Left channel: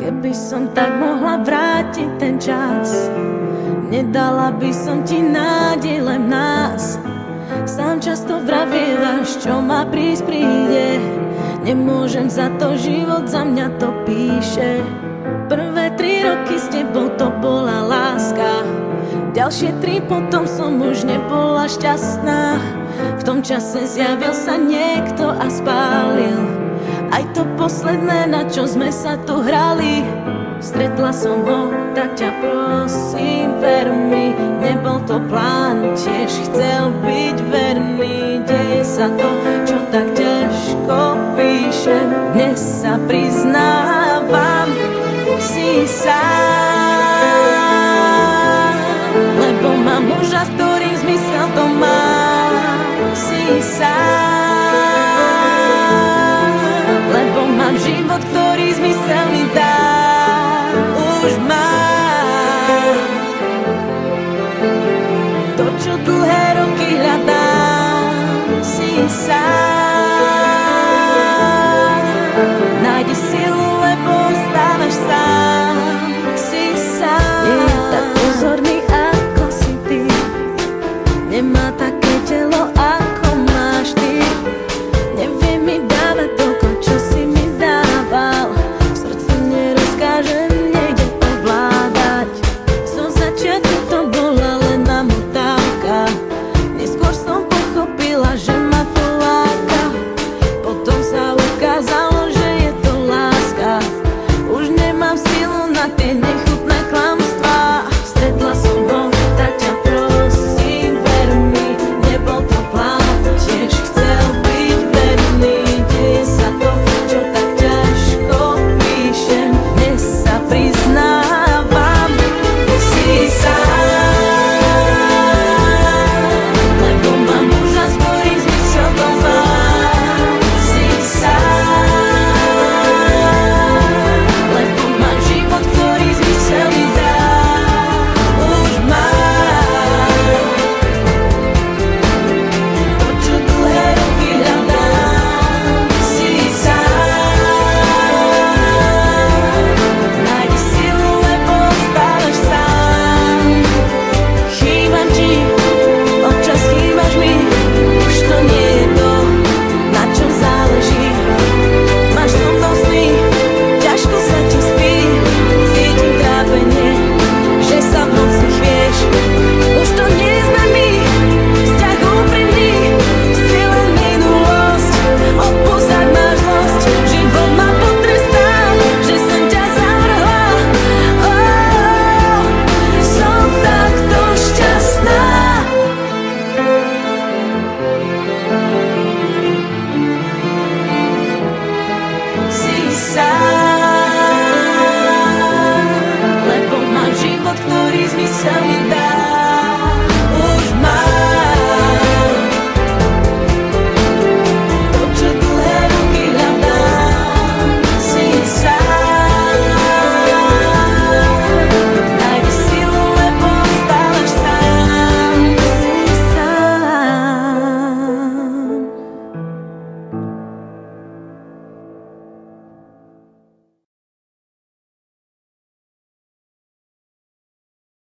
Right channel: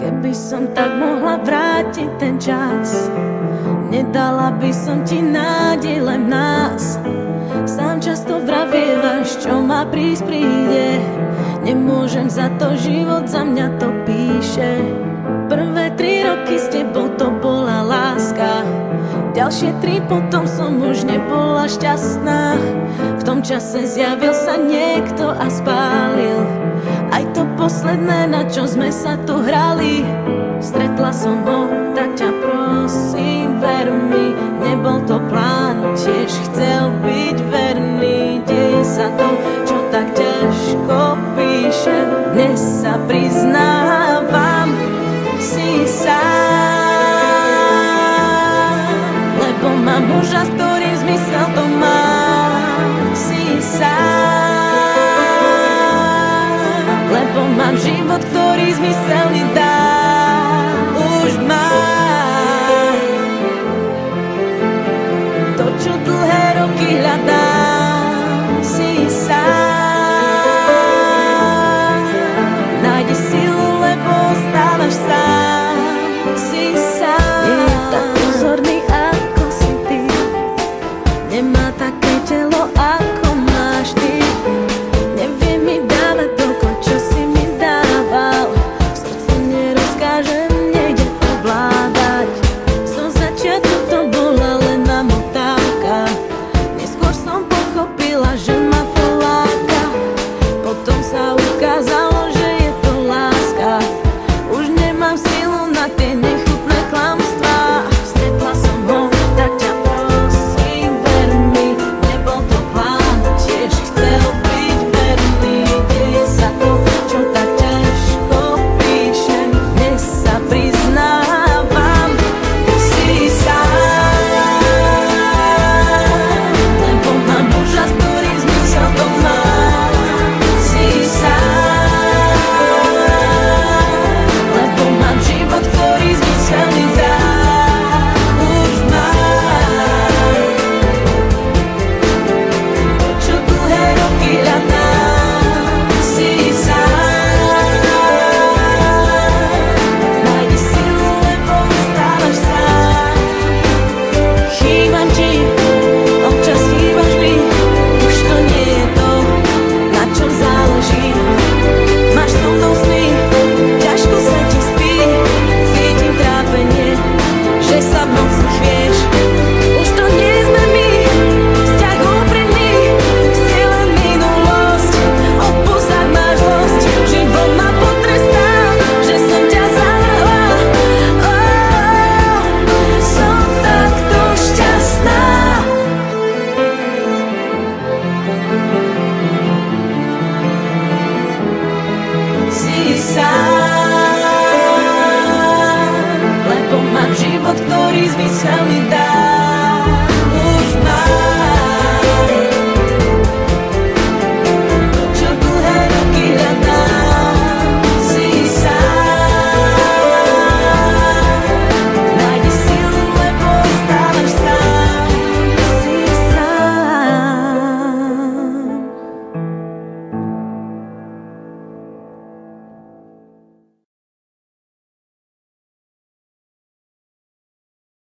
Keby som tak mohla vrátiť ten čas, nedala by som ti nádej len v nás. Sám často vravievaš, čo ma prísť príde. Nemôžem za to, život za mňa to píše. Prvé 3 roky s tebou to bola láska, ďalšie 3 potom som už nebola šťastná. V tom čase zjavil sa niekto a spálil aj to posledné, na čo sme sa tu hrali. Stretla som ho, tak ťa prosím, ver mi, nebol to plán, tiež chcel byť verný. Deje sa to, čo tak ťažko píšem, dnes sa priznávam, si sám, lebo mám muža, s ktorým zmysel to má. Si sám, lebo mám život, ktorý zmysel mi dá. Už mám to, čo dlhé roky hľadám. Si sám, nájdi silu, lebo ostávaš sám. Si sám, nie je tak pozorný, ako si ty, nemá také telo, ako máš ty. Nevie mi dávať toľko, čo si mi dával, srdcu nerozkážem, nejde ovládať. Zo začiatku to bola len namotávka, neskôr som pochopila, že ma to láka. Potom sa ukázalo, že je to láska. Už nemám silu na tie nechutné klamstvá. Stretla som ho, tak ťa prosím, ver mi, nebol to plán, tiež chcel byť verný. Deje sa to, čo tak ťažko píšem, dnes sa priznávam, si sám, lebo mám muža, s ktorým zmysel to má. Si sám, lebo mám život, ktorý zmysel mi dá. Už mám to, čo dlhé roky hľadám. Si sám, nájdi silu, lebo ostávaš sám. Chýbam ti, občas chýbaš mi, už to nie je to, na čom záleží. Máš so mnou sny, ťažko sa ti spí, cítim trápenie, že sa v noci chvieš. Už to nie sme my, vzťah úprimný, si len minulosť. Odpusť, ak máš zlosť, život ma potrestá, že som ťa zavrhla. Som takto šťastná. Si sám, lebo mám život, ktorý zmysel mi dá.